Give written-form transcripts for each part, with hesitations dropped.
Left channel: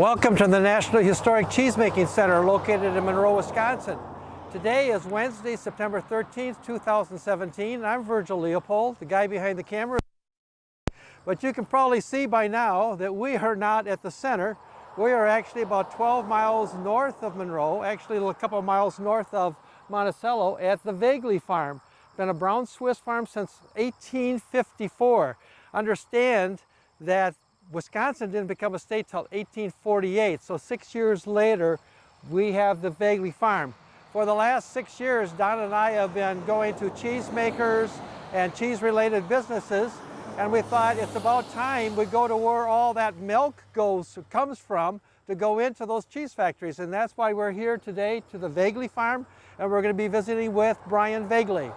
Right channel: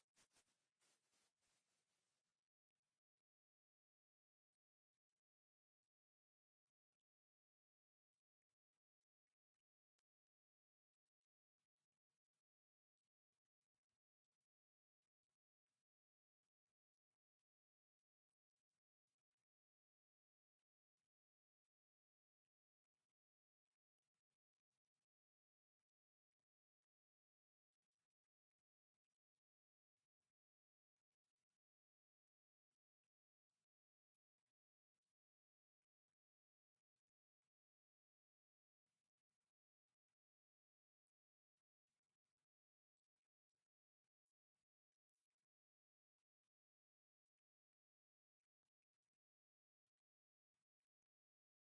Welcome to the National Historic Cheesemaking Center located in Monroe, Wisconsin. Today is Wednesday, September 13th, 2017. I'm Virgil Leopold, the guy behind the camera. But you can probably see by now that we are not at the center. We are actually about 12 miles north of Monroe, actually a couple of miles north of Monticello at the Voegeli farm. Been a brown Swiss farm since 1854. Understand that Wisconsin didn't become a state till 1848, so 6 years later we have the Voegeli farm. For the last 6 years, Don and I have been going to cheesemakers and cheese-related businesses, and we thought it's about time we go to where all that milk comes from to go into those cheese factories, and that's why we're here today to the Voegeli farm, and we're going to be visiting with Bryan Voegeli.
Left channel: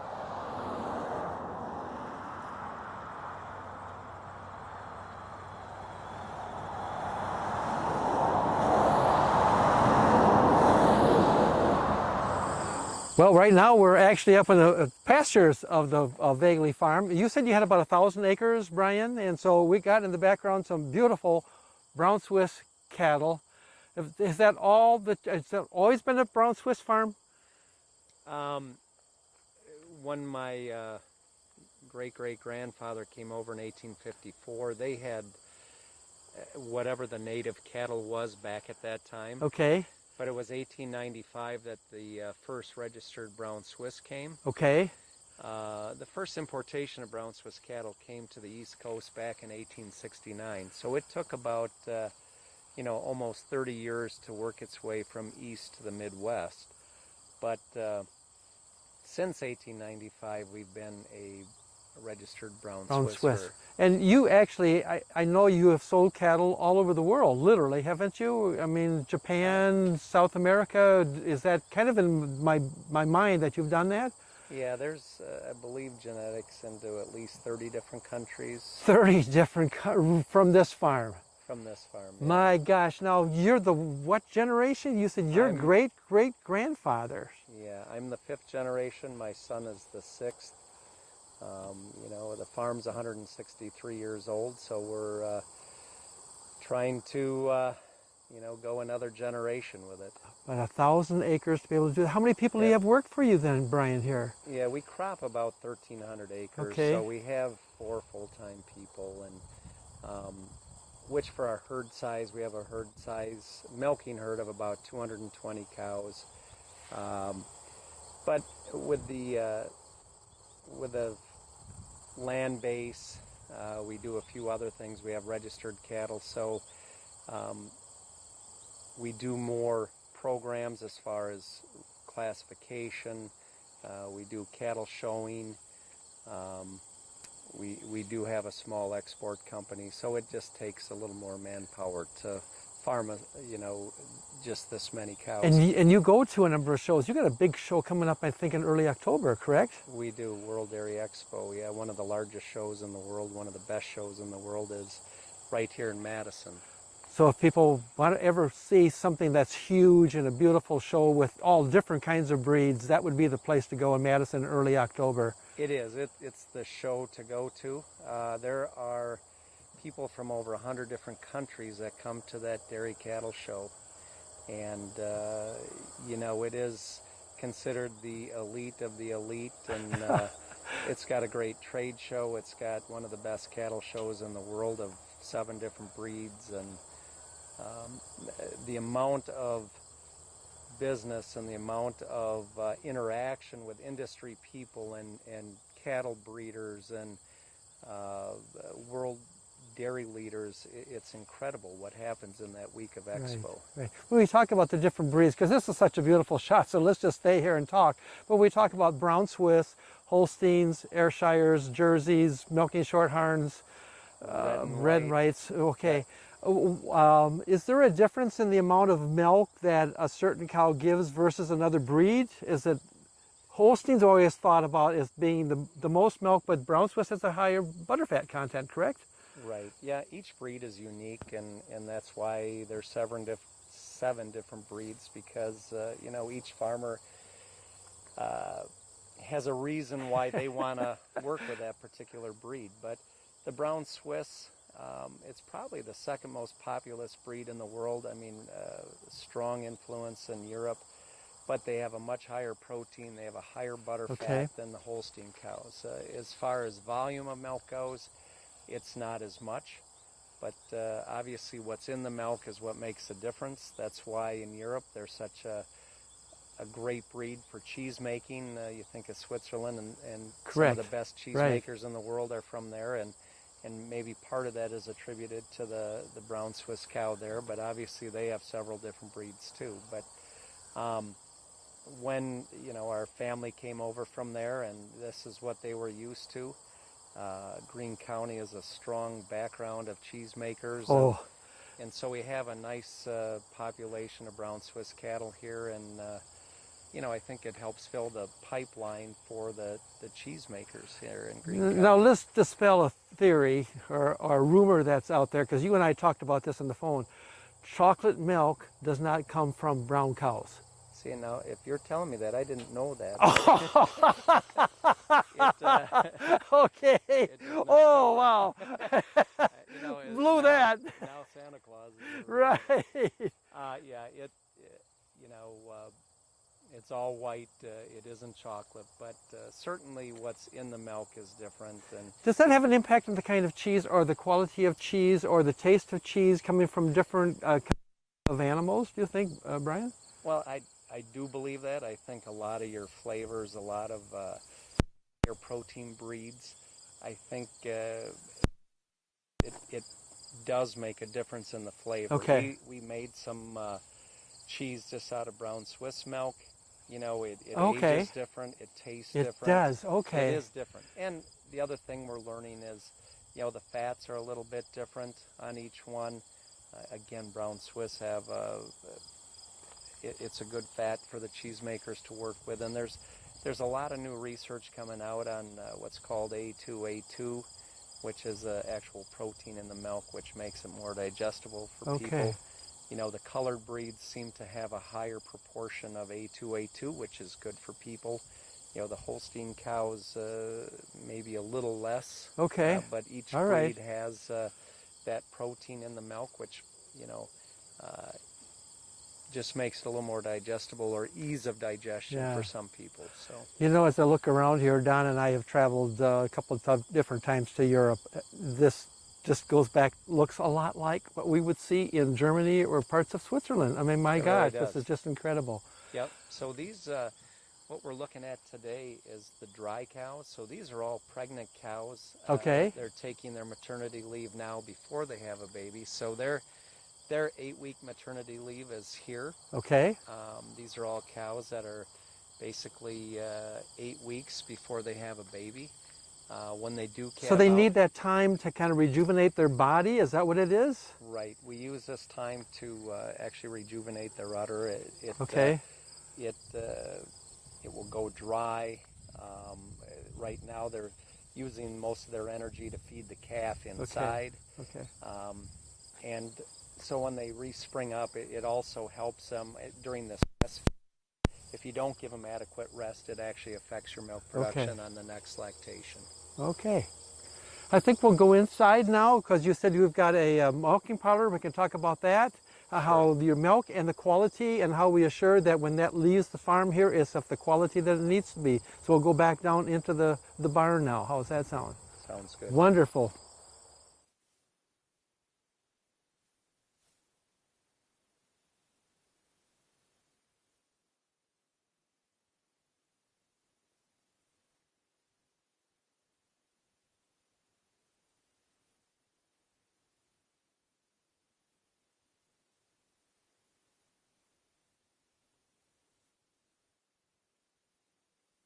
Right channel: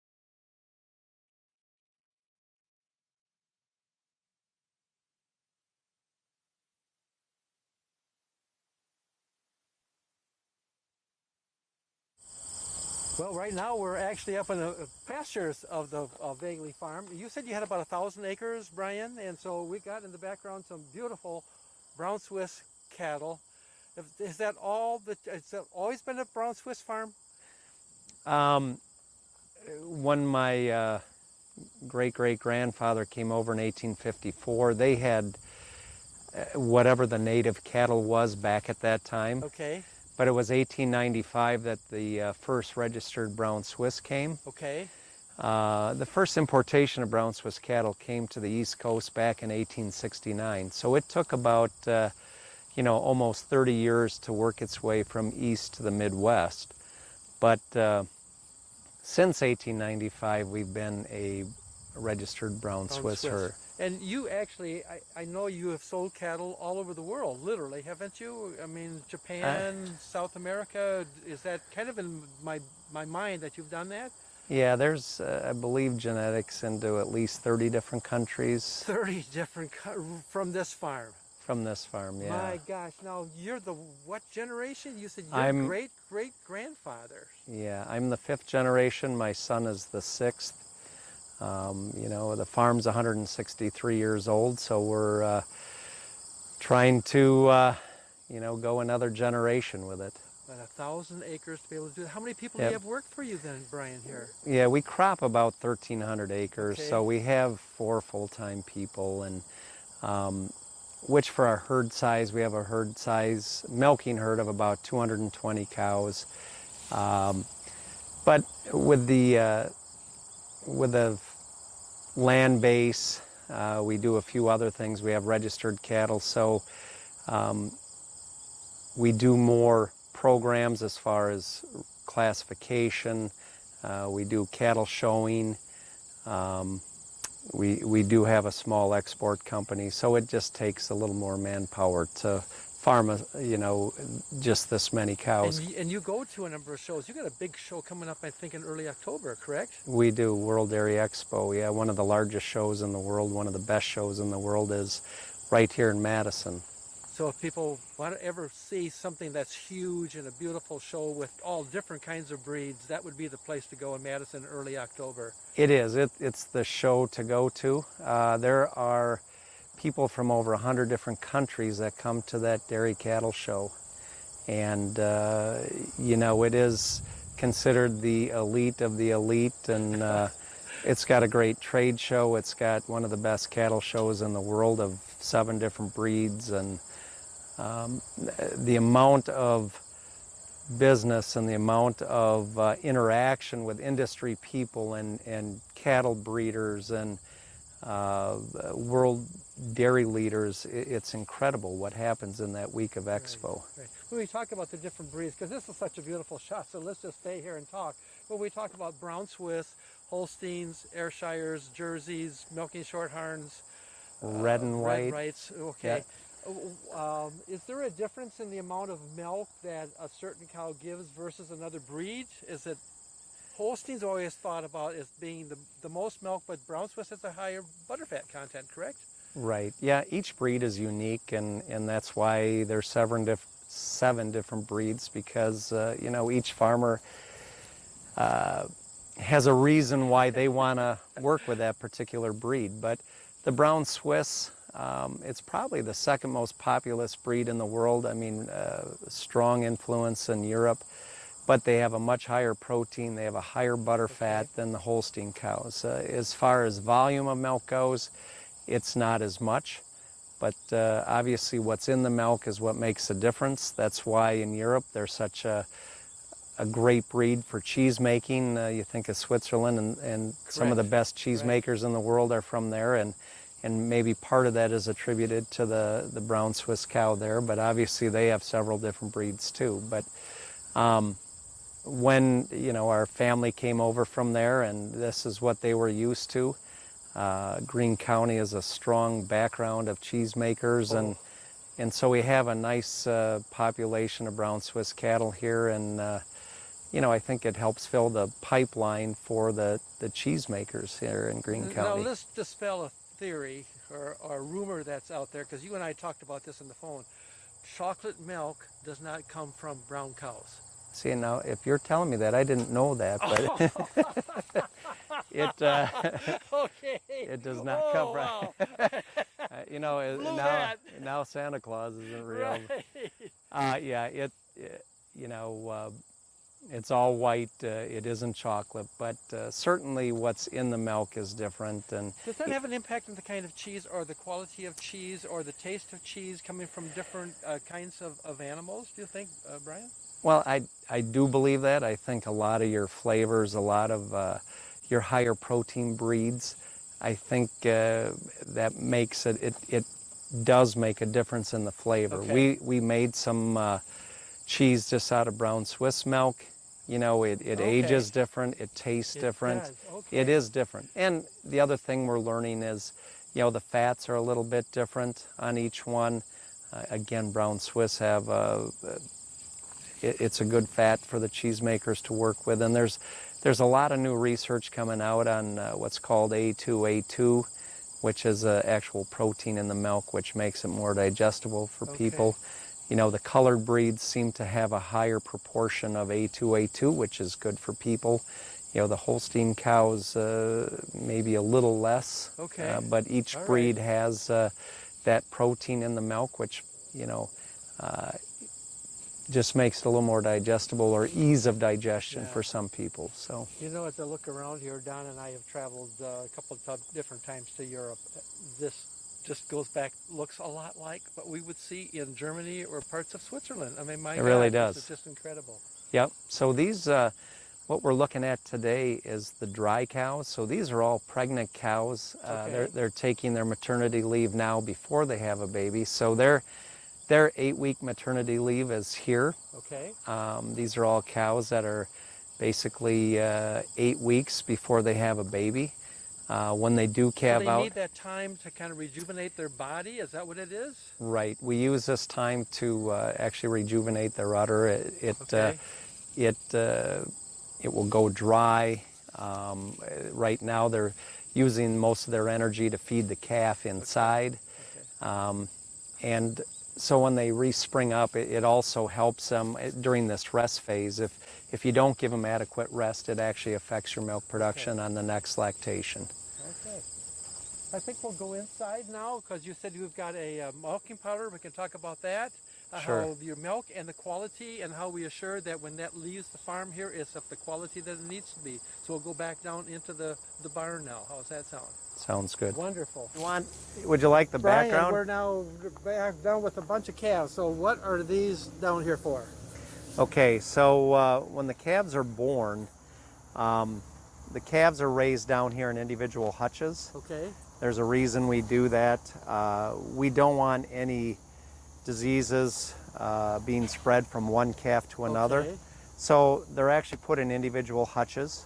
Well, right now we're actually up in the pastures of the Voegeli farm. You said you had about 1,000 acres, Bryan, and so we got in the background some beautiful brown Swiss cattle. Is that has that always been a brown Swiss farm? When my great-great-grandfather came over in 1854, they had whatever the native cattle was back at that time. Okay. But it was 1895 that the first registered brown Swiss came. Okay. The first importation of brown Swiss cattle came to the East Coast back in 1869. So it took about, almost 30 years to work its way from east to the Midwest. But since 1895, we've been a registered brown Swiss herd. And you actually, I know you have sold cattle all over the world, literally, haven't you? I mean, Japan, South America, is that kind of in my mind that you've done that? Yeah, there's, I believe, genetics into at least 30 different countries. 30 different, from this farm? From this farm, yeah. My gosh, now you're the what generation? You said your great-great-grandfather. Yeah, I'm the 5th generation. My son is the 6th. The farm's 163 years old, so we're trying to, go another generation with it. About 1,000 acres to be able to do that. How many people do you have work for you then, Bryan, here? Yeah, we crop about 1,300 acres, okay. So we have 4 full-time people, and which for our herd size, we have a herd size milking herd of about 220 cows. But with the land base, we do a few other things. We have registered cattle, so we do more programs as far as classification. We do cattle showing. We do have a small export company, so it just takes a little more manpower to farm, just this many cows. And you go to a number of shows. You got a big show coming up, I think, in early October, correct? We do, World Dairy Expo, yeah, one of the largest shows in the world, one of the best shows in the world is right here in Madison. So if people want to ever see something that's huge and a beautiful show with all different kinds of breeds, that would be the place to go in Madison in early October. It is. It's the show to go to. There are people from over 100 different countries that come to that dairy cattle show. And, it is considered the elite of the elite, and it's got a great trade show. It's got one of the best cattle shows in the world of 7 different breeds, and the amount of business and the amount of interaction with industry people and cattle breeders and world dairy leaders, it's incredible what happens in that week of Expo. Right. When we talk about the different breeds, because this is such a beautiful shot, so let's just stay here and talk. But we talk about brown Swiss, Holsteins, Ayrshires, Jerseys, Milking Shorthorns, red and whites. Okay. Yeah. Is there a difference in the amount of milk that a certain cow gives versus another breed? Is it Holsteins always thought about as being the most milk, but brown Swiss has a higher butterfat content, correct? Right. Yeah, each breed is unique, and that's why there's 7 different breeds, because each farmer has a reason why they want to work with that particular breed. But the brown Swiss, It's probably the second most populous breed in the world. I mean, strong influence in Europe, but they have a much higher protein. They have a higher butter fat than the Holstein cows. As far as volume of milk goes, it's not as much, but obviously what's in the milk is what makes the difference. That's why in Europe they're such a great breed for cheese making. You think of Switzerland, and some of the best cheesemakers in the world are from there, and maybe part of that is attributed to the brown Swiss cow there, but obviously they have several different breeds too. But when, you know, our family came over from there, and this is what they were used to. Greene County is a strong background of cheesemakers, and so we have a nice population of brown Swiss cattle here, and you know, I think it helps fill the pipeline for the cheesemakers here in Greene County. Now let's dispel a theory or a rumor that's out there, because you and I talked about this on the phone. Chocolate milk does not come from brown cows. See, now, if you're telling me that, I didn't know that. But Okay. It does not come wow. you know, Blew that. Now Santa Claus isn't real. Right. Yeah, you know, it's all white. It isn't chocolate, but certainly what's in the milk is different. And does that have an impact on the kind of cheese or the quality of cheese or the taste of cheese coming from different kinds of animals, do you think, Bryan? Well, I do believe that. I think a lot of your flavors, a lot of your higher protein breeds, I think that makes it does make a difference in the flavor. Okay. We made some cheese just out of brown Swiss milk. You know, it ages different, it tastes different. It does, okay. It is different. And the other thing we're learning is, you know, the fats are a little bit different on each one. Again, brown Swiss have it's a good fat for the cheesemakers to work with. And there's a lot of new research coming out on what's called A2A2, which is an actual protein in the milk, which makes it more digestible for people. You know, the colored breeds seem to have a higher proportion of A2A2, which is good for people. You know, the Holstein cows maybe a little less. But each breed has that protein in the milk, which, you know, just makes it a little more digestible, or ease of digestion for some people. So, you know, as I look around here, Don and I have traveled a couple of different times to Europe. This just goes back, looks a lot like what we would see in Germany or parts of Switzerland. I mean, my God, really does. This is just incredible. Yep. So these, what we're looking at today is the dry cows. So these are all pregnant cows. They're taking their maternity leave now before they have a baby. So their 8-week maternity leave is here. These are all cows that are basically 8 weeks before they have a baby. When they do calve out. So they need that time to kind of rejuvenate their body? Is that what it is? Right. We use this time to actually rejuvenate their udder. It will go dry. Right now they're using most of their energy to feed the calf inside. And so when they re-spring up, it also helps them during this rest phase. If you don't give them adequate rest, it actually affects your milk production on the next lactation. I think we'll go inside now, because you said you've got a milking parlor. We can talk about that, how your milk and the quality, and how we assure that when that leaves the farm here is of the quality that it needs to be. So we'll go back down into the barn now. How's that sound? Sounds good. Wonderful. Would you like the Bryan, background? we're now back down with a bunch of calves. So what are these down here for? Okay, so when the calves are born, the calves are raised down here in individual hutches. There's a reason we do that. We don't want any diseases being spread from one calf to another. So they're actually put in individual hutches.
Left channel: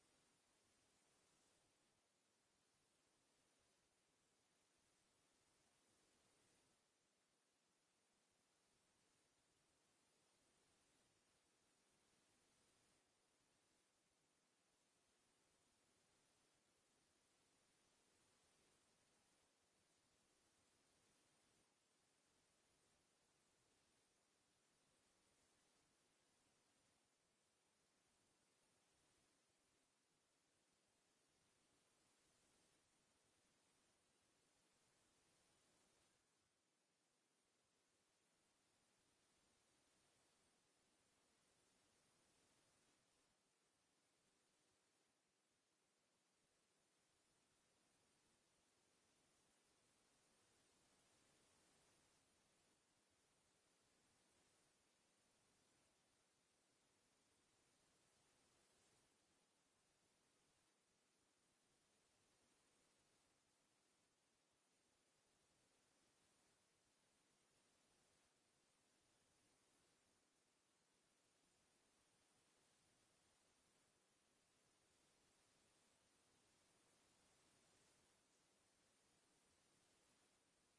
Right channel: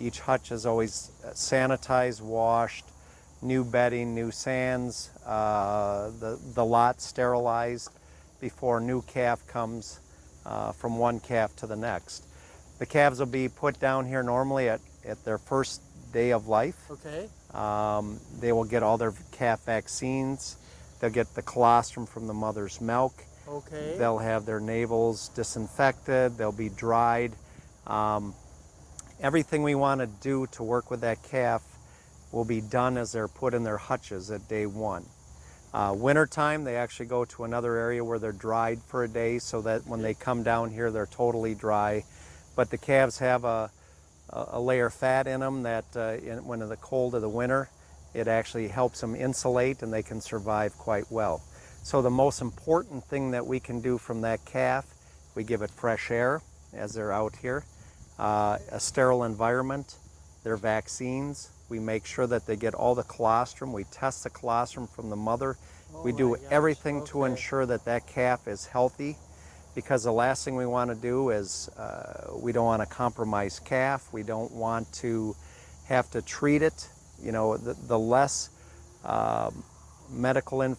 Each hutch is always sanitized, washed, new bedding, new sands, the lot sterilized before a new calf comes from one calf to the next. The calves will be put down here normally at their first day of life. They will get all their calf vaccines. They'll get the colostrum from the mother's milk. They'll have their navels disinfected. They'll be dried. Everything we want to do to work with that calf will be done as they're put in their hutches at day 1. Wintertime, they actually go to another area where they're dried for a day so that when they come down here, they're totally dry. But the calves have a layer of fat in them that when in the cold of the winter, it actually helps them insulate and they can survive quite well. So the most important thing that we can do from that calf, we give it fresh air as they're out here, a sterile environment, their vaccines. We make sure that they get all the colostrum. We test the colostrum from the mother. We do everything to ensure that that calf is healthy, because the last thing we want to do is we don't want to compromise calf. We don't want to have to treat it. You know, the less medical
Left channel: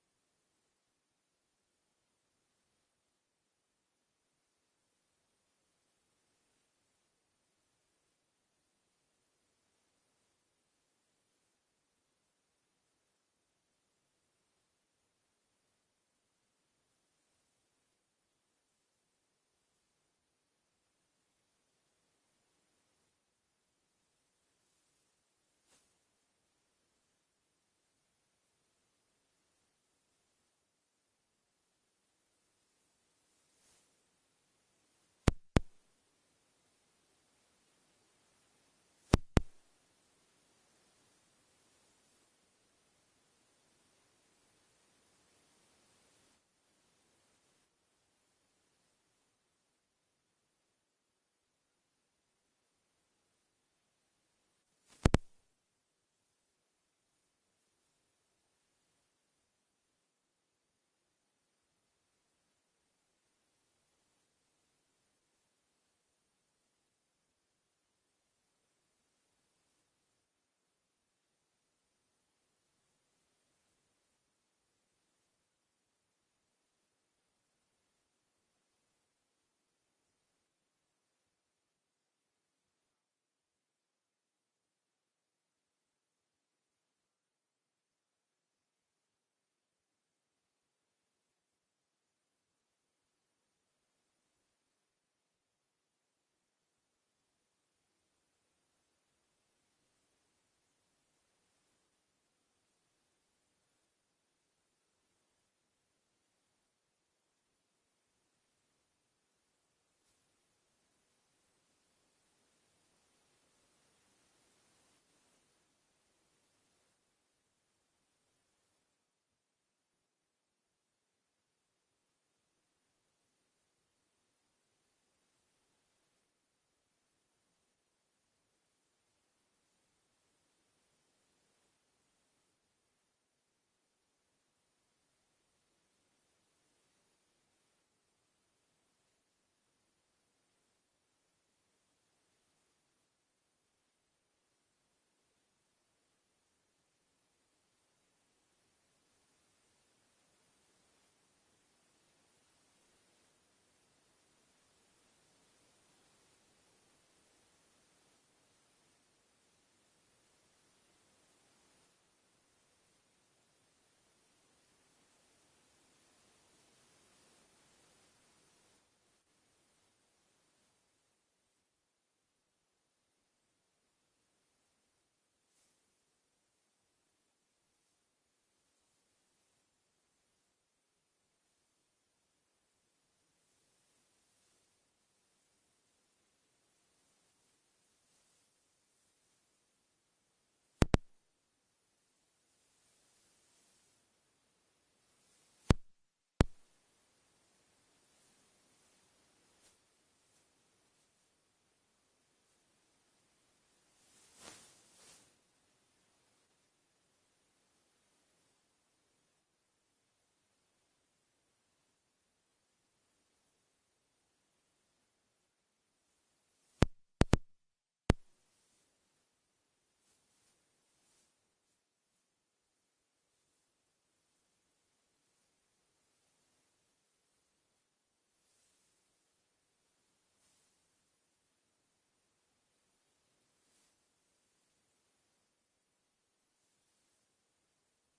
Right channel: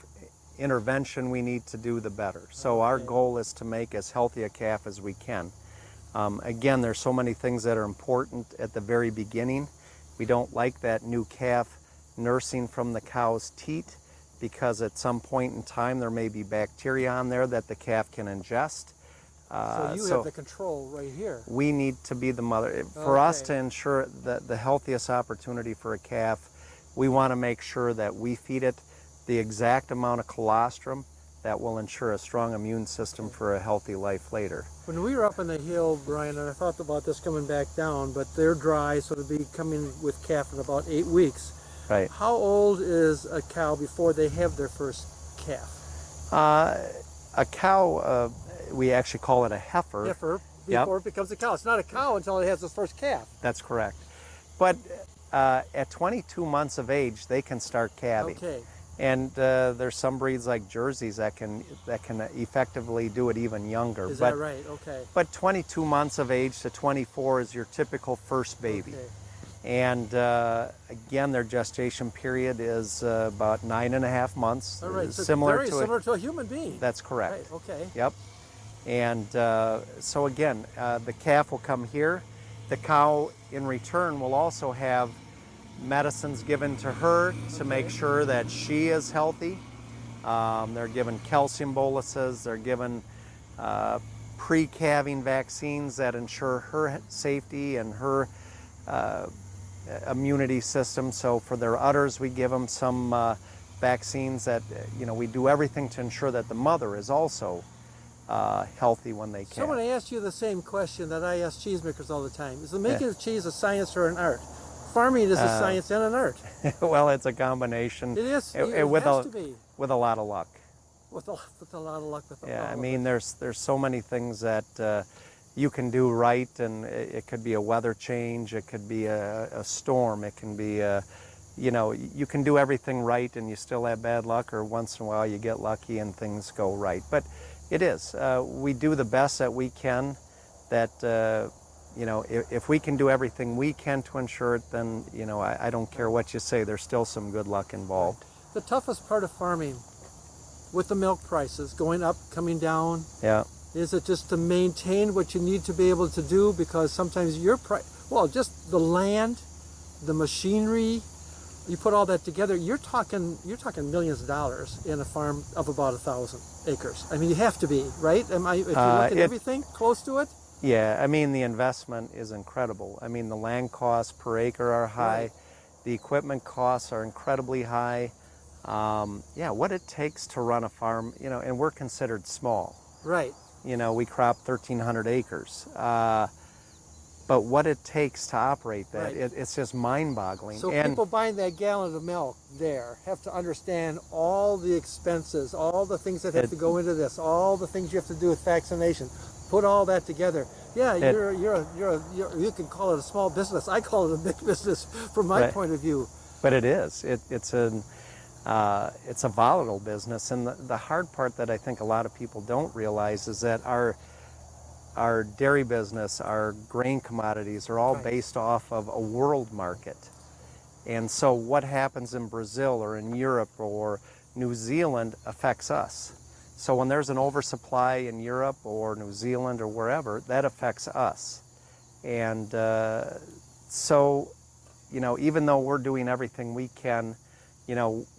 intervention we need to do, the better. So our goal is to make as healthy a calf as we can. Again, there's so many things that are important at the very beginning. We don't like that new calf nursing from the cow's teat, because at some point in time there may be bacteria on there that the calf can ingest. So you have the control right here. We need to be the mother. For us to ensure that the healthiest opportunity for a calf, we want to make sure that we feed it the exact amount of colostrum that will ensure a strong immune system for a healthy life later. When we were up on the hill, Brian, and I thought about this coming back down, but they're dry, so it'll be coming with calf in about 8 weeks. Right. How old is a cow before they have their first calf? A cow, we actually call it a heifer. Heifer, before it becomes a cow. It's not a cow until it has its first calf. That's correct. But at 22 months of age, they can start calving. Okay. And there's some breeds like Jerseys that can effectively do it even younger. Is that right? Okay. But 22 months of age to 24 is your typical first baby. Okay. And again, their gestation period is about 9.5 months. All right. So similar to a human being. That's correct. Right. Okay. Yep. And so again, the calf will come here. The cow, in return, will also have medicines given to her to make sure that she is healthy. They're given calcium boluses. They're given pre-calving vaccines that ensure her safety and her immunity system. So for their udders, we give them some vaccines that, we do everything to ensure that the mother is also healthy when they calve. So I'm going to ask you the same question that I ask cheesemakers all the time. Is the making of cheese a science or an art? Farming is a science and an art. Well, it's a combination. It is. It has to be. With a lot of luck. With a lot of luck. I mean, there's so many things that you can do right, and it could be a weather change, it could be a storm, it can be you can do everything right and you still have bad luck, or once in a while you get lucky and things go right. But it is. We do the best that we can. That if we can do everything we can to ensure it, then I don't care what you say. There's still some good luck involved. The toughest part of farming, with the milk prices going up, coming down, is it just to maintain what you need to be able to do? Because sometimes just the land, the machinery, you put all that together, you're talking millions of dollars in a farm of about 1,000 acres. I mean, you have to be, right? If you look at everything close to it? Yeah, I mean, the investment is incredible. I mean, the land costs per acre are high. Right. The equipment costs are incredibly high. What it takes to run a farm, and we're considered small. Right. We crop 1,300 acres. But what it takes to operate that, it's just mind-boggling. So people buying that gallon of milk there have to understand all the expenses, all the things that have to go into this, all the things you have to do with vaccination. Put all that together. Yeah, you can call it a small business. I call it a big business from my point of view. But it is. It's a volatile business, and the hard part that I think a lot of people don't realize is that our dairy business, our grain commodities are all based off of a world market. And so what happens in Brazil or in Europe or New Zealand affects us. So when there's an oversupply in Europe or New Zealand or wherever, that affects us. And even though we're doing everything we can,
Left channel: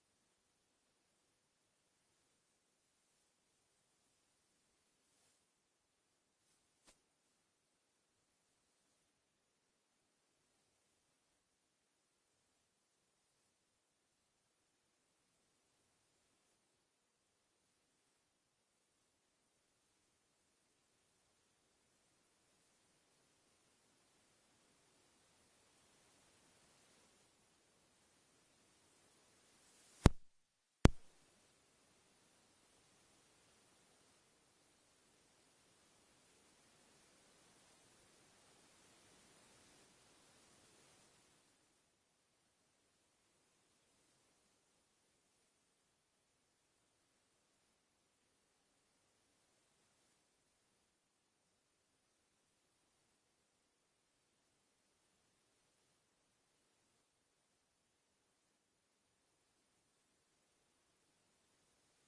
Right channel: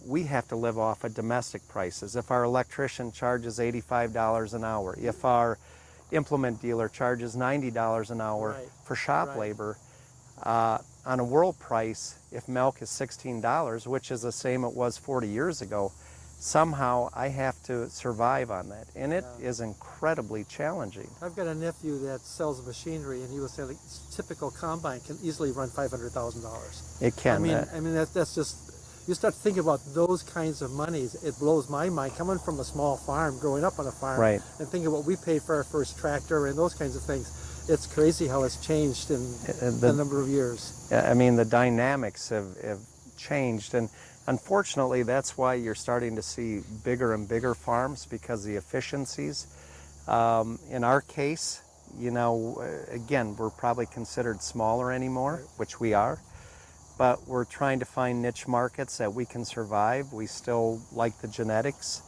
we have to live off of domestic prices. If our electrician charges $85 an hour, if our implement dealer charges $90 an hour for shop labor, on a world price, if milk is $16, which is the same it was 40 years ago, somehow I have to survive on that, and it is incredibly challenging. I've got a nephew that sells machinery, and he was saying like, typical combine can easily run $500,000. It can. I mean that's just, you start thinking about those kinds of monies. It blows my mind coming from a small farm, growing up on a farm, Right. and thinking what we paid for our first tractor and those kinds of things. It's crazy how it's changed in a number of years. I mean, the dynamics have changed, and unfortunately, that's why you're starting to see bigger and bigger farms, because the efficiencies. In our case, you know, again, we're probably considered smaller anymore, Right. which we are, but we're trying to find niche markets that we can survive. We still like the genetics.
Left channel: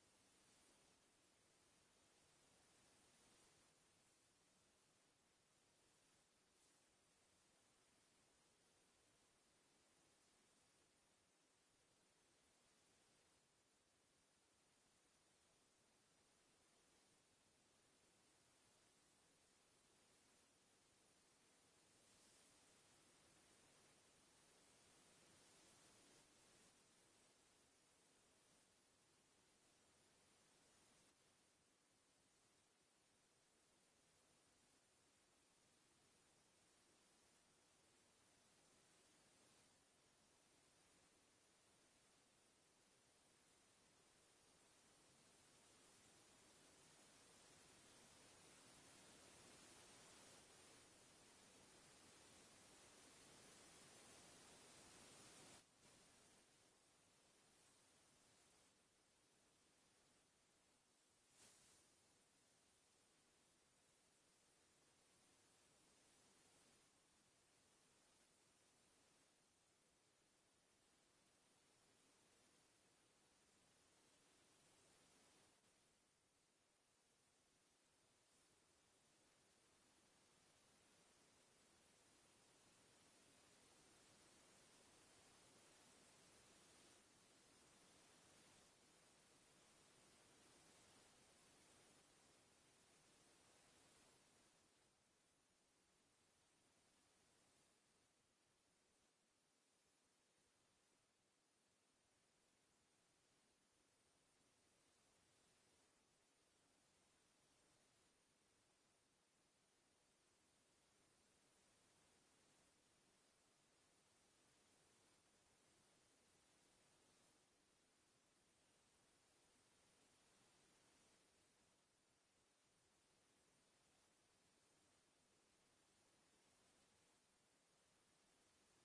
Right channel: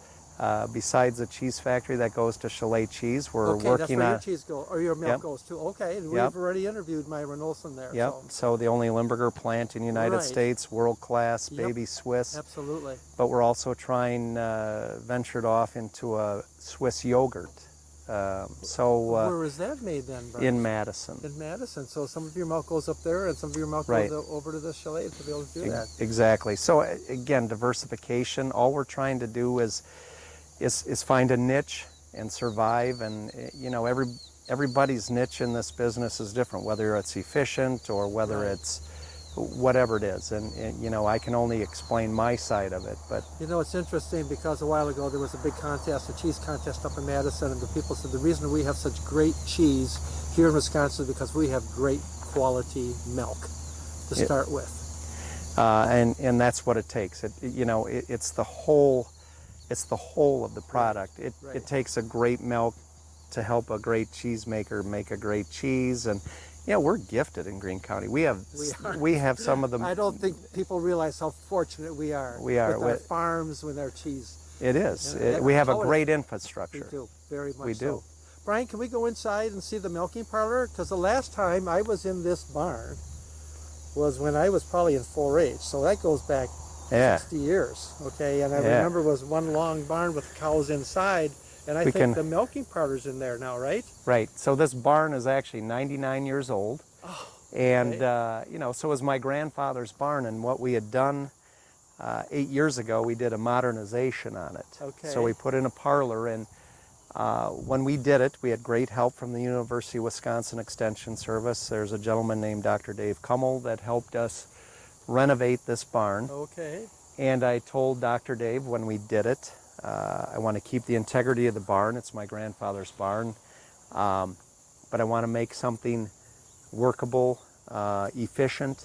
Besides the cheese factory that goes to Chalet Cheese, we're Okay, working that's where on. your cheese goes, or your milk Yep. goes to. Okay, and Yep. we've already interviewed Myron Olson there. Yep. So the only Limburger plant in the United Right. States, world class, Yep. baby Swiss. Absolutely. But we're also trying, ventured off into a Swiss yogurt. Where is that made then, Bryan? In Madison. In Madison. So some of your milk goes up there, and some of your milk Right. goes over to the chalet to be able to do that. Exactly. So again, diversification. All we're trying to do is find a niche and survive. And you know, everybody's niche in this business is different, whether it's efficient or whether Right. it's whatever it is. And you know, I can only explain my side of it, but You know, it's interesting because a while ago there was a big contest, a cheese contest up in Madison, and the people said the reason we have such great cheese here in Wisconsin is because we have great quality milk to start with. and that's what it takes. It's the whole of the product. It Right. takes a great milk to help a great cheesemaker make a great cheese, and you know, we're gifted in Greene County. We have some of the. I don't think people realize how fortunate we are. We are. With our farms, with our cheese. It is. Yeah, We have a how it- great We infrastructure. do, very much We so. do. Bryan, can we go inside and see the milking parlor? Because the last time I was in this barn was when I was probably in 4-H, so that goes back Yeah. 60 years, okay? And I Yeah. remember it was one long barn with cows inside, and I We think can- the milking parlor's in there now, right? Right. So this barn is actually 99 years old. Oh, And, you know, so was my grandfather's barn, and what we had done 8 years ago, we did a modernization on it. Okay. So we put in a parlor, and when we did it, we had great help from the University of Wisconsin Extension Service. There's a gentleman named Dr. Dave Kummel that helped us renovate this barn. okay. And I told Dr. Dave when we did it, I want to keep the integrity of the barn. It's my grandfather's barn. But I want to make something workable, efficient,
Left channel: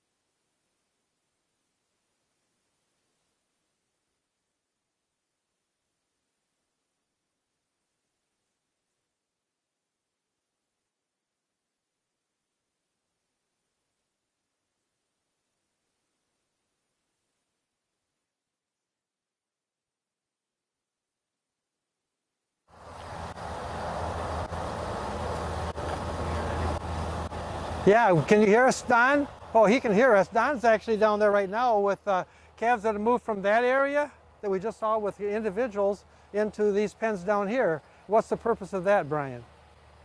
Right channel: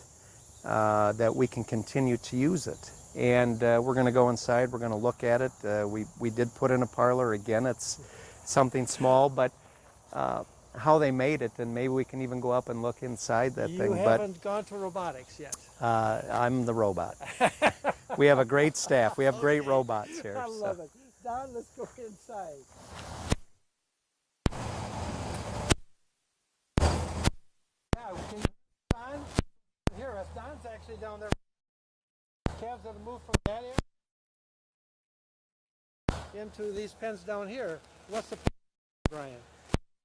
that we can continue to use it. And we're going to go inside. We're going to look at it. We did put in a parlor. Again, it's something small, but how they made it, and maybe we can even go up and look inside that thing. You haven't gone to robotics yet. But I'm the robot. We have a great staff. We have great robots here. I so. love it. Don, let's go inside. Yeah, can you hear us, Don? Oh, he can hear us. Don's actually down there right now with calves that have moved from that area that we just saw with the individuals into these pens down here. What's the purpose of that, Bryan?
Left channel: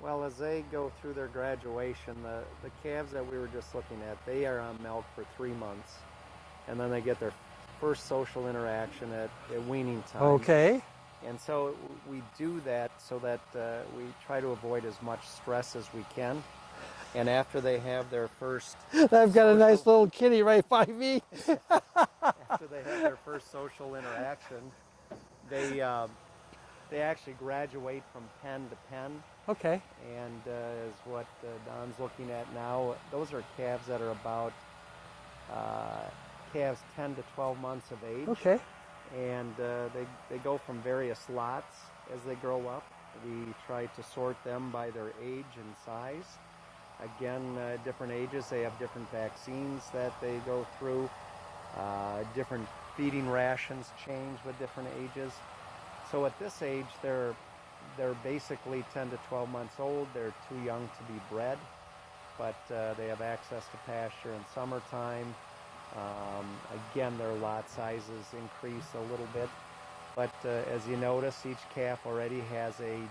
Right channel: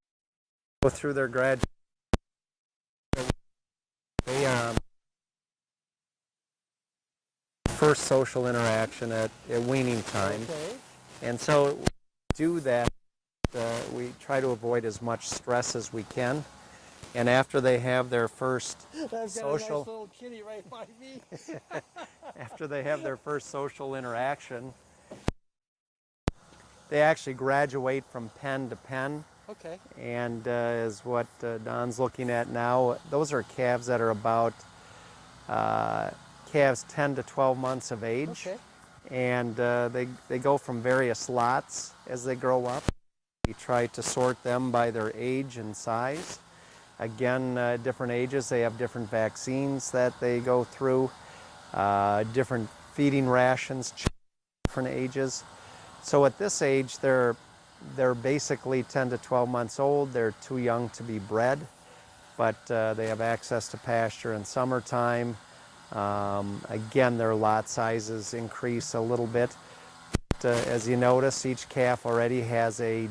Well, as they go through their graduation, the calves that we were just looking at, they are on milk for 3 months, and then they get their first social interaction at weaning time. Okay. And so we do that so that we try to avoid as much stress as we can. And after they have their first I've got a nice social- little kitty right by me. after they have their first social interaction, they actually graduate from pen to pen. Okay. And is what Don's looking at now. Those are calves that are about calves 10 to 12 months of age. Okay. And they go from various lots as they grow up. We try to sort them by their age and size. Again, different ages, they have different vaccines that they go through. Different feeding rations change with different ages. So at this age, they're basically 10 to 12 months old. They're too young to be bred, but they have access to pasture in summertime. Again, their lot sizes increase a little bit, but as you notice, each calf already has a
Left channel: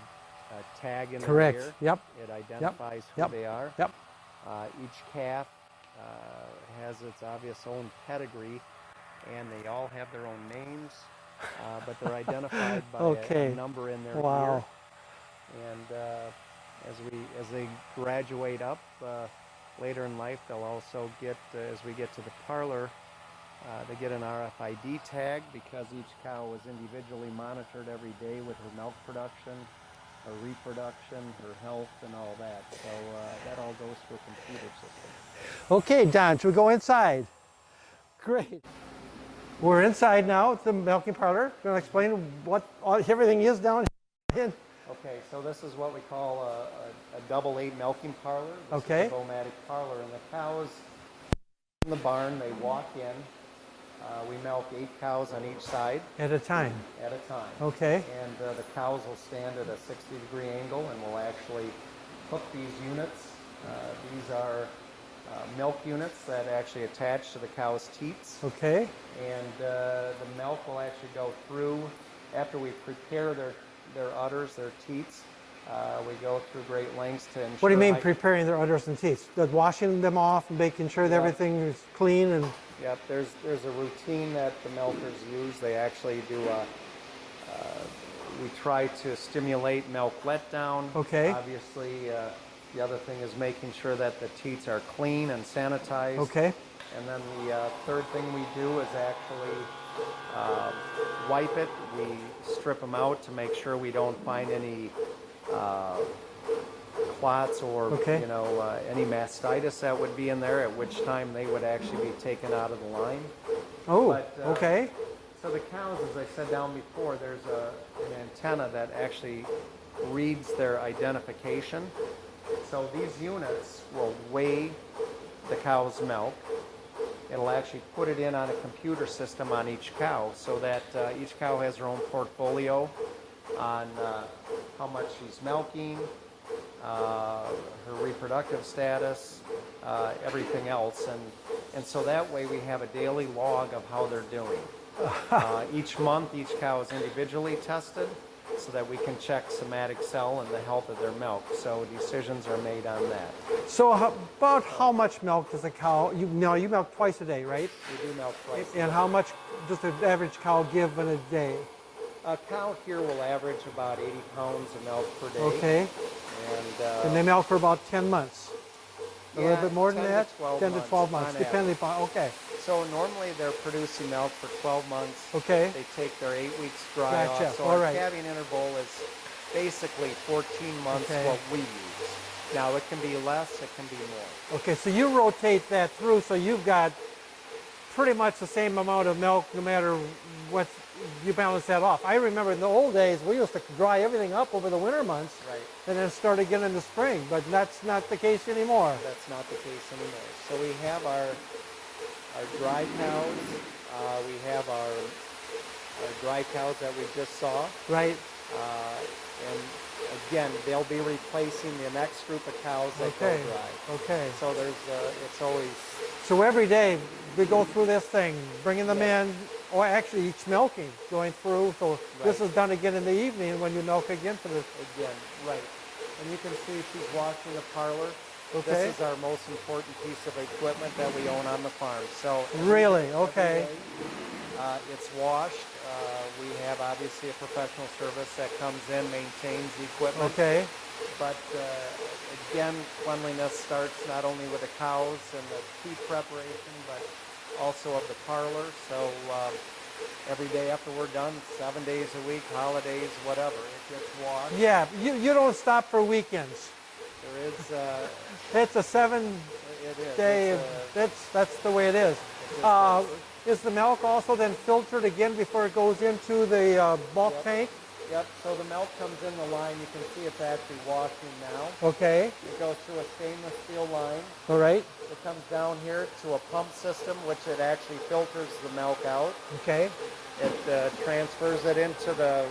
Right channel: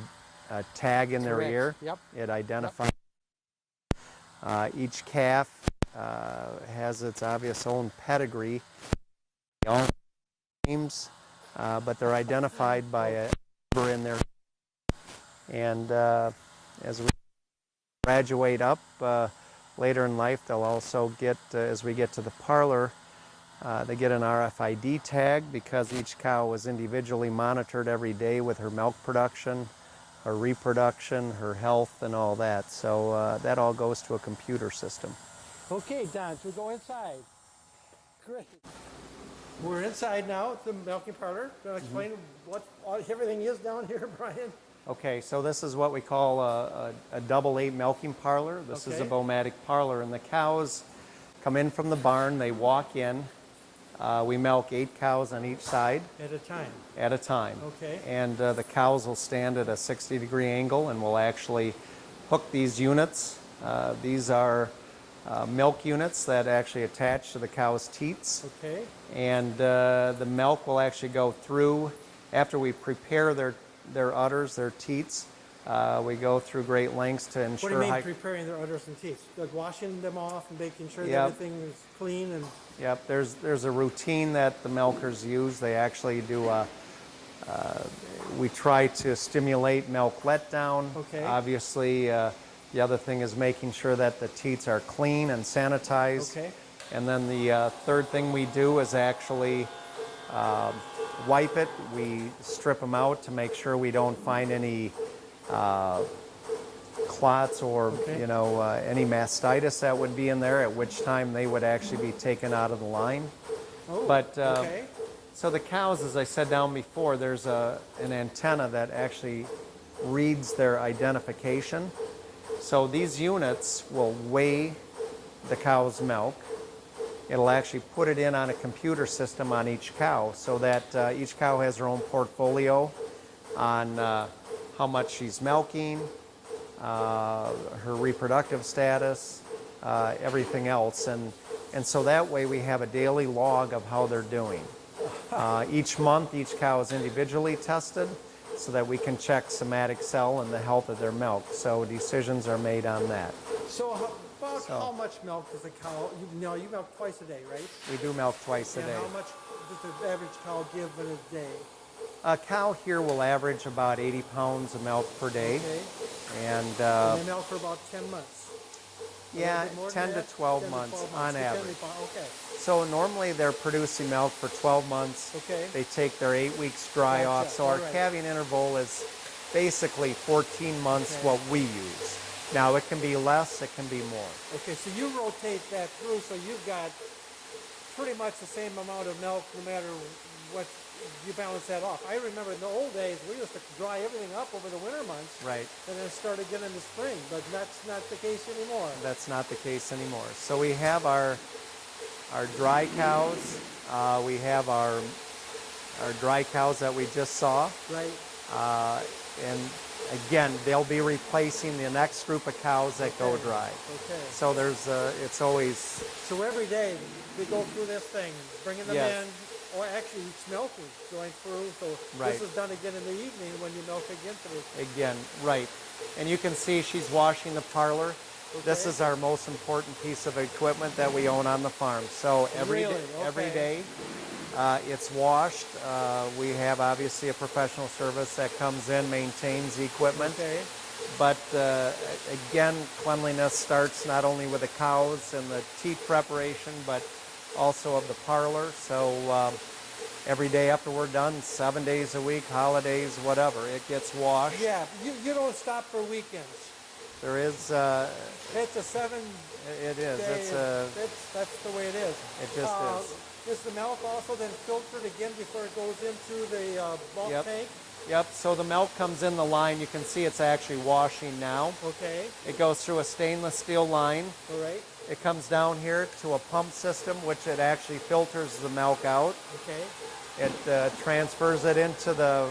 tag in their Correct. ear. Yep. It identifies Yep. who they are. Yep. Each calf has its obvious own pedigree, and they all have their own names, but they're identified by a number in their ear. And as they graduate up later in life, they'll also get, as we get to the parlor, they get an RFID tag because each cow is individually monitored every day with her milk production, her reproduction, her health, and all that. So that all goes to a computer system. Okay, Don, should we go inside? Great. We're inside now at the milking parlor. You want to explain what everything is down here, Brian? Okay, so this is what we call a double 8 milking parlor. This is a Voegeli parlor, and the cows come in from the barn. They walk in. We milk 8 cows on each side. At a time? At a time. Okay. And the cows will stand at a 60-degree angle, and we'll actually hook these units. These are milk units that actually attach to the cow's teats. Okay. And the milk will actually go through, after we prepare their udders, their teats, we go through great lengths to ensure... What do you mean preparing their udders and teats? Washing them off and making sure that everything is clean and... Yep, there's a routine that the milkers use. They actually do we try to stimulate milk letdown. Okay. Obviously, the other thing is making sure that the teats are clean and sanitized. Okay. And then the third thing we do is actually wipe it. We strip them out to make sure we don't find any clots or any mastitis that would be in there, at which time they would actually be taken out of the line. Oh, but, okay. So the cows, as I said down before, there's an antenna that actually reads their identification. So these units will weigh the cow's milk. It'll actually put it in on a computer system on each cow, so that each cow has her own portfolio on how much she's milking, her reproductive status, everything else. And so that way we have a daily log of how they're doing. Each month, each cow is individually tested so that we can check somatic cell and the health of their milk. So decisions are made on that. So how much milk does a cow, you milk twice a day, right? We do milk twice a day. And how much does the average cow give in a day? A cow here will average about 80 pounds of milk per day. Okay. And they milk for about 10 months? A little bit more than 10 that? to 12 10 months. to 12 months, depending upon, okay. So normally they're producing milk for 12 months. Okay. They take their 8 weeks dry off. So our calving interval is basically 14 months what we use. Now it can be less, it can be more. Okay, so you rotate that through, so you've got pretty much the same amount of milk no matter what, you balance that off. I remember in the old days, we used to dry everything up over the winter months. Right. And then start again in the spring, but that's not the case anymore. That's not the case anymore. So we have our dry cows. We have our dry cows that we just saw. Right. And again, they'll be replacing the next group of cows that go dry. Okay. So there's, it's always... So every day we go through this thing, bringing them in, or actually each milking, going through. So this is done again in the evening when you milk again for this. Again, right. And you can see she's washing the parlor. Okay. This is our most important piece of equipment that we own on the farm. So every day, it's washed. We have obviously a professional service that comes in, maintains the equipment. Okay. But again, cleanliness starts not only with the cows and the teat preparation, but also of the parlor. So every day after we're done, 7 days a week, holidays, whatever, it gets washed. Yeah, you don't stop for weekends. There is... it's a 7 day, that's the way it is. It just is. Is the milk also then filtered again before it goes into the bulk tank? Yep, so the milk comes in the line. You can see it's actually washing now. Okay. It goes through a stainless steel line. All right. It comes down here to a pump system, which it actually filters the milk out. Okay. It transfers it into the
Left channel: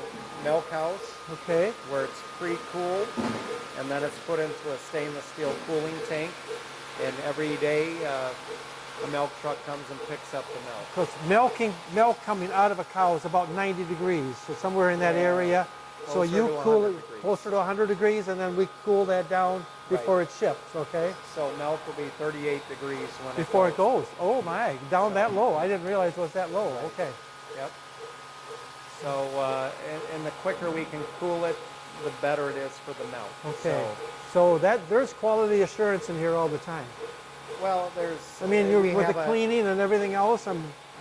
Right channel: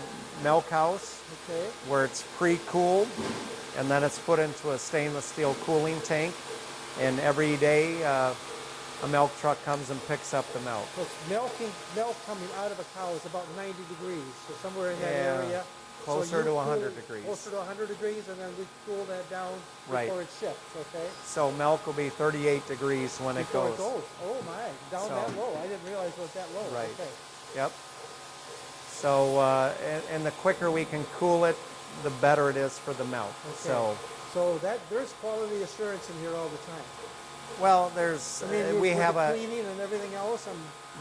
milk house. Okay. Where it's pre-cooled, and then it's put into a stainless steel cooling tank. And every day, a milk truck comes and picks up the milk. So it's milk coming out of a cow is about 90 degrees, so somewhere in that area. closer so you to cool 100 it degrees. closer to 100 degrees, and then we cool that down before Right. it ships, okay? So milk will be 38 degrees when Before it goes. Oh my, down So- that low. I didn't realize it was that low. Right. Okay. Yep. So, and the quicker we can cool it, the better it is for the milk. Okay. So that there's quality assurance in here all the time. Well, there's. I mean, we with have the cleaning and everything else,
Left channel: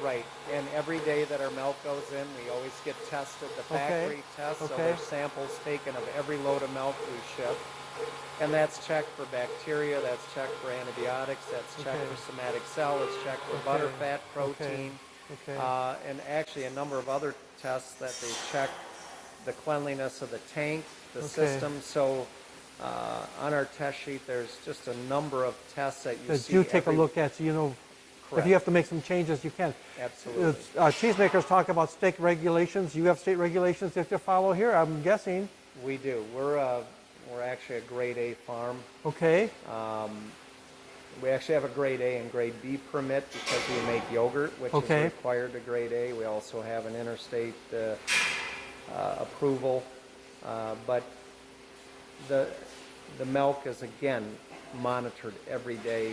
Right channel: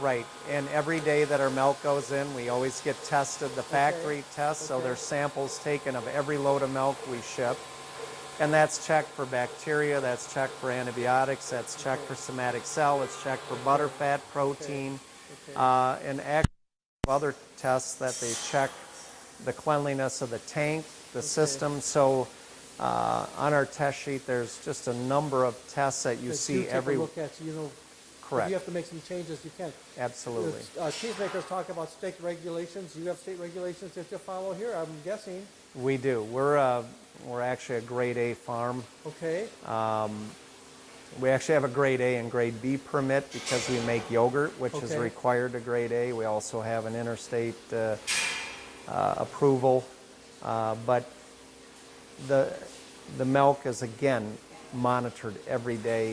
right, and every day that our milk goes in, we always get tested, the factory test. So Okay. there's samples taken of every load of milk we ship, and that's checked for bacteria, that's checked for antibiotics, that's checked for somatic cell, it's checked for butterfat, protein, Okay. and actually a number of other tests that they check the cleanliness of the tank, the system. So on our test sheet, there's just a number of tests that you see. you take a look at, so you know, Correct. if you have to make some changes, you can. Absolutely. Cheesemakers talk about state regulations. You have state regulations that you follow here, I'm guessing. We do. We're actually a grade A farm. Okay. We actually have a grade A and grade B permit because we make yogurt, which is required to grade A. We also have an interstate approval, but the milk is again monitored every day.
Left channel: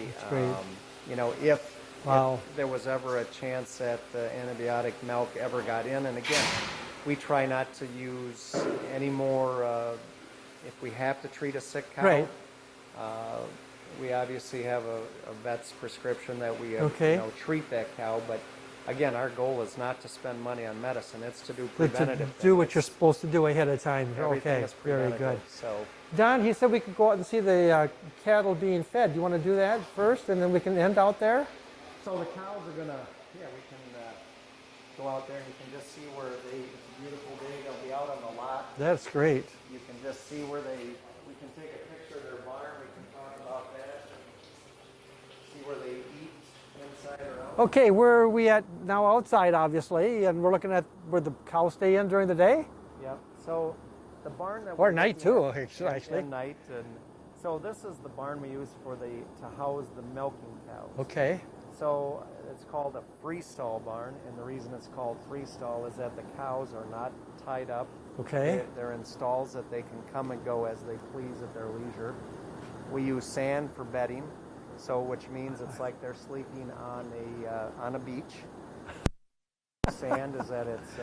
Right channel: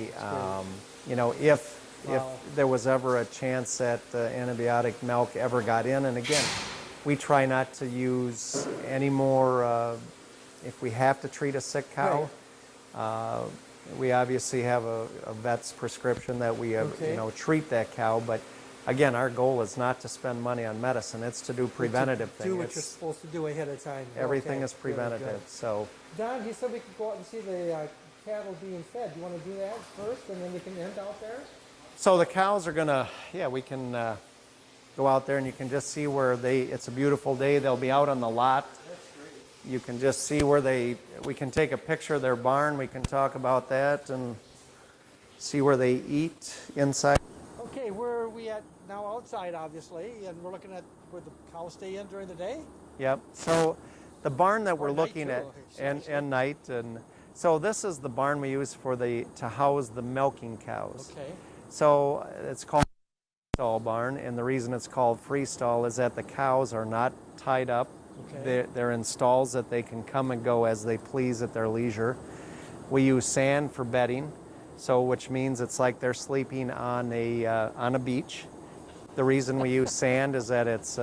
You know, if there was ever a chance that antibiotic milk ever got in, and again, we try not to use any more. If we have to treat a sick cow, we obviously have a vet's prescription that we you know, treat that cow. But again, our goal is not to spend money on medicine. It's to do preventative things. Do what you're supposed to do ahead of time. Everything is preventative. Very good. So, Don, he said we could go out and see the cattle being fed. Do you want to do that first, and then we can end out there? so the cows are gonna, we can go out there and you can just see where it's a beautiful day. They'll be out on the lot. That's great. You can just see where we can take a picture of their barn. We can talk about that and see where they eat inside. Okay, where are we at now? Outside, obviously, and we're looking at where the cows stay in during the day? Yep. So the barn that we're night looking too, at, actually. and night, and so this is the barn we use to house the milking cows. Okay. So it's called a freestall barn, and the reason it's called freestall is that the cows are not tied up. Okay. They're in stalls that they can come and go as they please at their leisure. We use sand for bedding, so which means it's like they're sleeping on a beach. The reason we use sand is that it's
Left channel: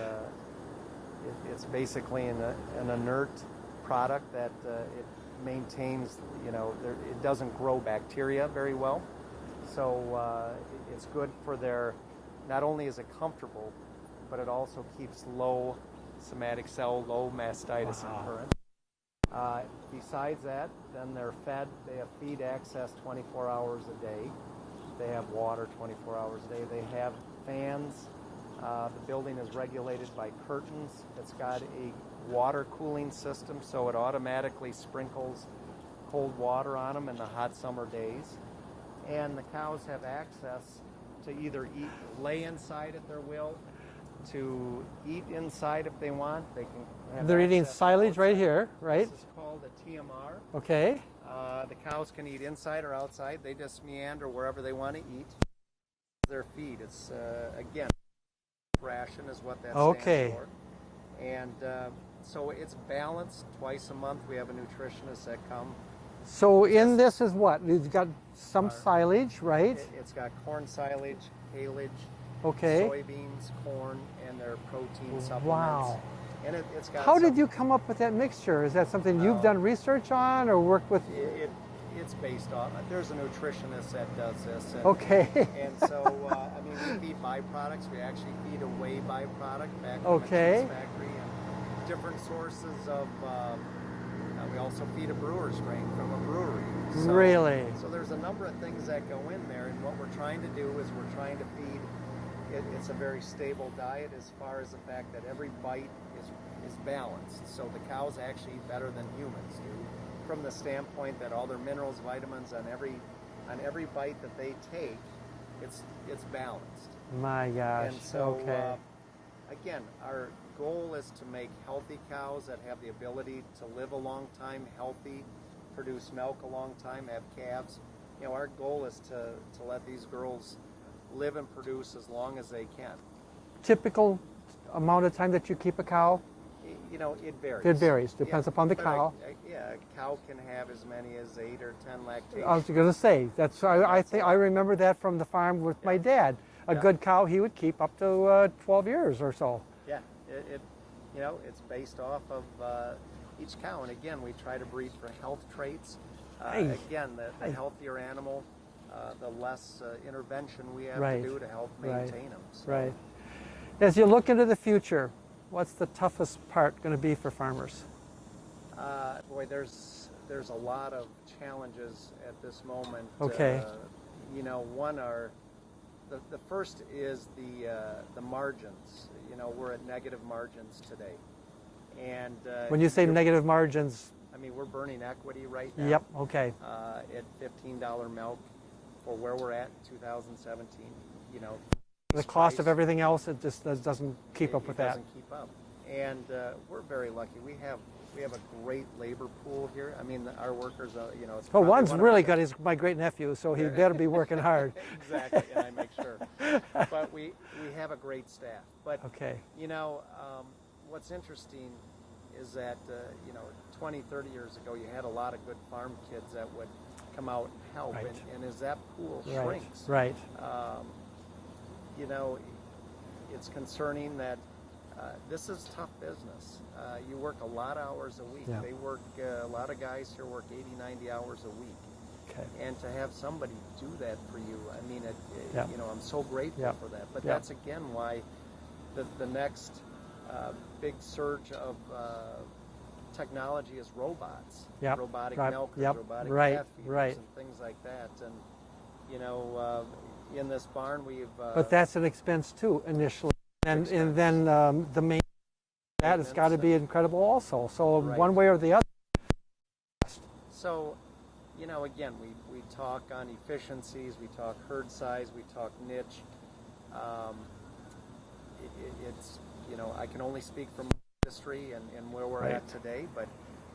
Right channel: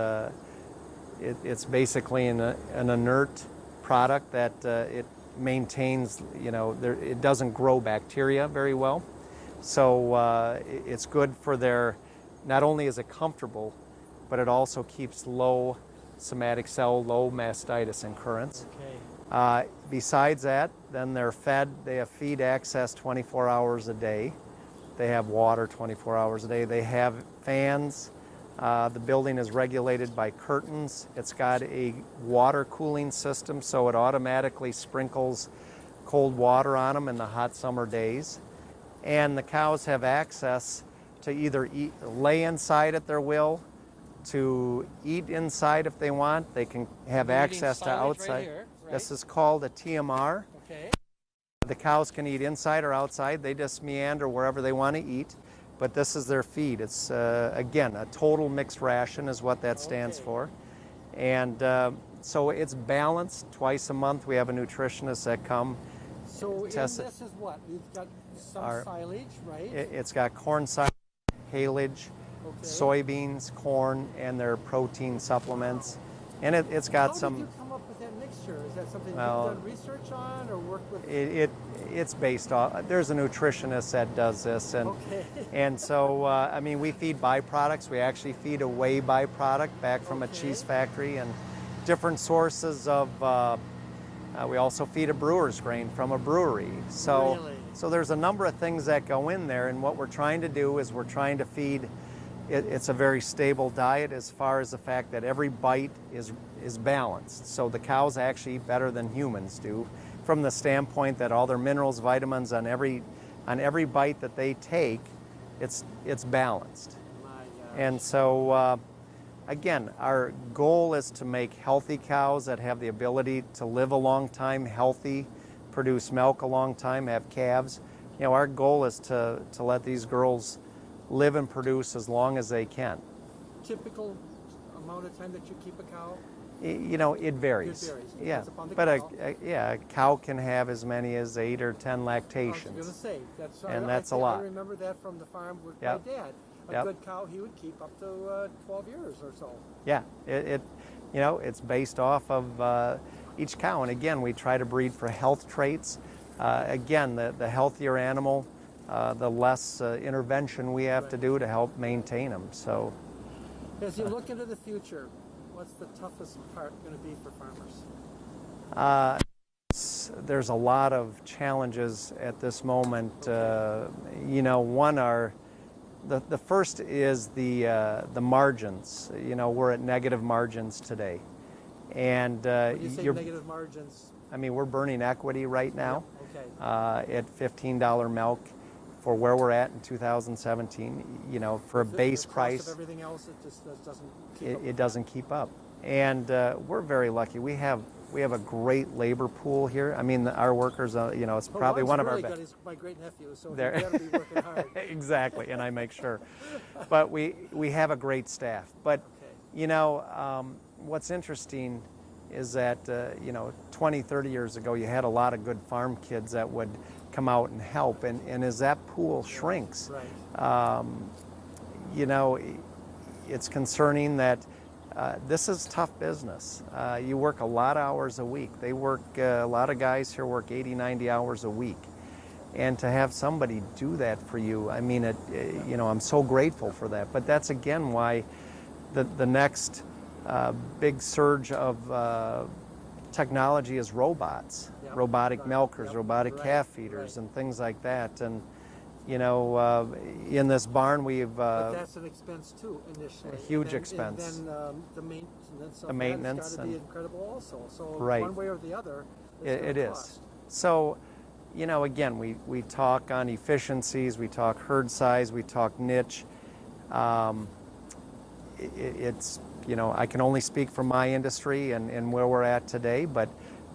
basically an inert product that it maintains, you know, it doesn't grow bacteria very well. So it's good for not only is it comfortable, but it also keeps low somatic cell, low mastitis occurrence. Okay. Besides that, then they're fed. They have feed access 24 hours a day. They have water 24 hours a day. They have fans. The building is regulated by curtains. It's got a water cooling system, so it automatically sprinkles cold water on them in the hot summer days. And the cows have access to either lay inside at their will, to eat inside if they want. They can have They're access eating to silage outside. right here, right? This is called a TMR. Okay. The cows can eat inside or outside. They just meander wherever they want to eat. But this is their feed. It's, again, a total mixed ration is what that stands for. And so it's balanced. Twice a month we have a nutritionist that come. So in this is what? You've got some silage, right? It's got corn silage, haylage, soybeans, corn, and their protein supplements. Wow. And it's got How did you come up with that mixture? Is that something you've done research on or worked with? It's based on, there's a nutritionist that does this. And, and so, I mean, we feed byproducts. We actually feed a whey byproduct back from a cheese factory and different sources of, we also feed a brewer's grain from a brewery. So, really? So there's a number of things that go in there, and what we're trying to do is we're trying to feed, it's a very stable diet as far as the fact that every bite is balanced. So the cows actually eat better than humans do, from the standpoint that all their minerals, vitamins on every bite that they take, it's balanced. My gosh. And so, again, our goal is to make healthy cows that have the ability to live a long time, healthy, produce milk a long time, have calves. You know, our goal is to let these girls live and produce as long as they can. Typical amount of time that you keep a cow? You know, it varies. It varies, depends upon the cow. Yeah, a cow can have as many as 8 or 10 lactations. I was going to say, I remember that from the farm with my dad. A good cow he would keep up to 12 years or so. Yeah, you know, it's based off of each cow. And again, we try to breed for health traits. Again, the healthier animal, the less intervention we have to do to help maintain them. So, as you look into the future, what's the toughest part going to be for farmers? Boy, there's a lot of challenges at this moment. You know, one are the first is the margins. You know, we're at negative margins today, and when you say negative margins, I mean we're burning equity right now. Yep. Okay. At $15 milk for where we're at in 2017. You know, for a base the price, cost of everything else, it just doesn't keep up with it doesn't keep up, and we're very lucky. We have a great labor pool here. I mean, our workers, you know, it's probably one's one of really our good. He's my great nephew, so he better be working hard. Exactly, and I make sure. But we have a great staff. But you know, what's interesting is that you know, 20, 30 years ago, you had a lot of good farm kids that would come out and help, and as that pool shrinks, you know, it's concerning that. This is tough business. You work a lot of hours a week. They work, a lot of guys here work 80, 90 hours a week. And to have somebody do that for you, I mean, you know, I'm so grateful for that. But that's again why the next big surge of technology is robots, robotic milkers, robotic calf feeders, and things like that. And you know, in this barn but that's an expense too initially. Huge expense. And then the maintenance of that has got to be incredible also. So one way or the other, it is. So, you know, again, we talk on efficiencies, we talk herd size, we talk niche. It's, you know, I can only speak for my industry and where we're at today, but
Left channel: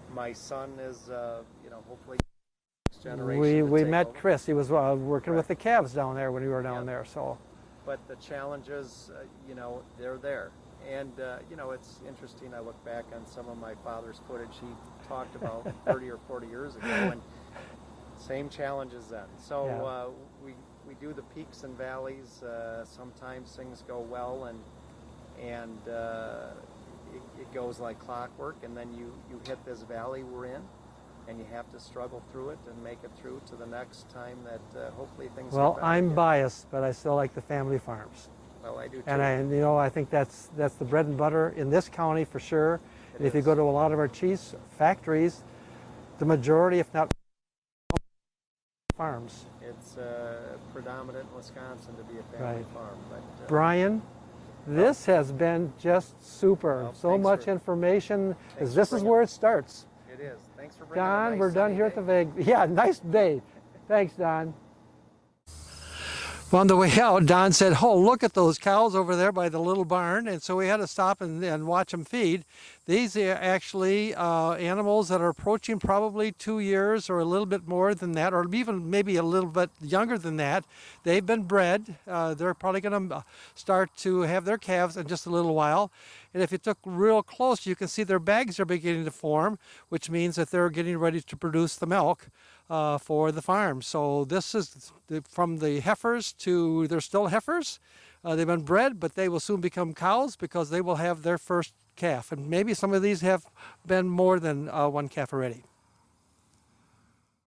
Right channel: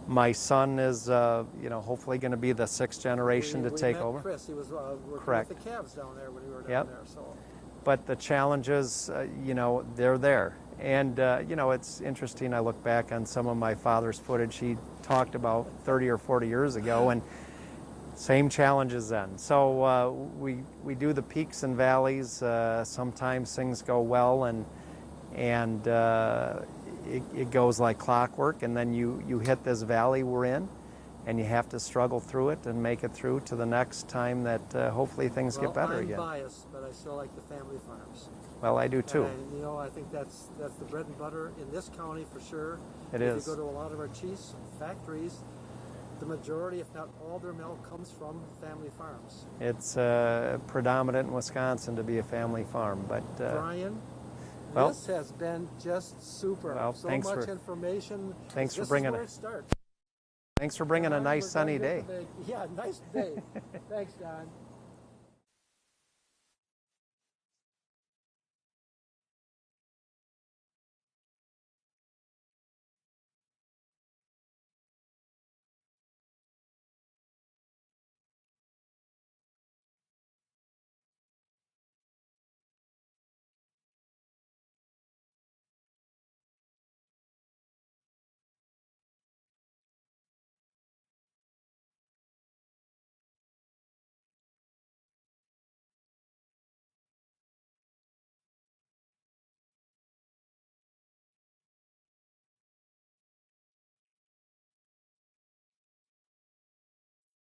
my son is, you know, hopefully going to be the 6th generation to take over. We met Chris. He was working with the calves down there when we were down there. So, but the challenges, you know, they're there. And, you know, it's interesting. I look back on some of my father's footage he talked about 30 or 40 years ago, and same challenges then. So we do the peaks and valleys. Sometimes things go well, and it goes like clockwork, and then you hit this valley we're in, and you have to struggle through it and make it through to the next time that hopefully things get better. Well, I'm again. biased, but I still like the family farms. Well, I do too. And you know, I think that's the bread and butter in this county for sure. If you go to a lot of our cheese factories, the majority, if not all their milk, comes from family farms. It's predominant in Wisconsin to be a family farm, but Bryan, this has been just super. Well, so much information. This is where it starts. It is. Thanks for bringing Don, a nice we're sunny done here day. At the yeah, nice day. Thanks, Don. Well, on the way out, Don said, oh, look at those cows over there by the little barn. And so we had to stop and watch them feed. These are actually animals that are approaching probably 2 years or a little bit more than that, or even maybe a little bit younger than that. They've been bred. They're probably going to start to have their calves in just a little while. And if you took real close, you can see their bags are beginning to form, which means that they're getting ready to produce the milk for the farm. So this is from the heifers to, they're still heifers. They've been bred, but they will soon become cows because they will have their first calf. And maybe some of these have been more than one calf already.